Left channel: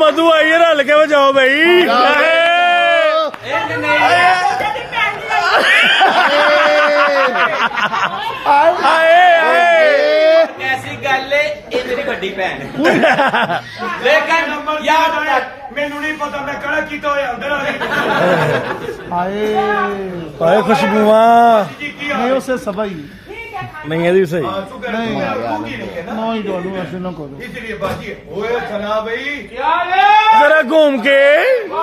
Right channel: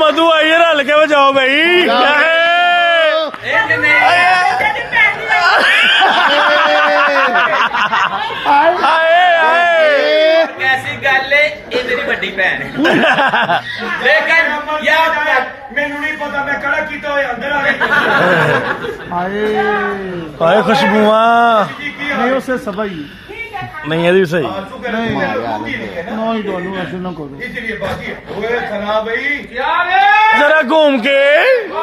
मधु आइए रल के बजाओ भाई ऐसी गल है तेरी बड़ी भैन लेकिन यार मैनू नहीं पता मैं कड़ा कीता होया अंदर आ गई आए खुशबुआ नहीं उससे सबाई नहीं है सही ना ही डालू ऐसे ना करो इसलिए बाकी ओए सना भाई जरा घूम के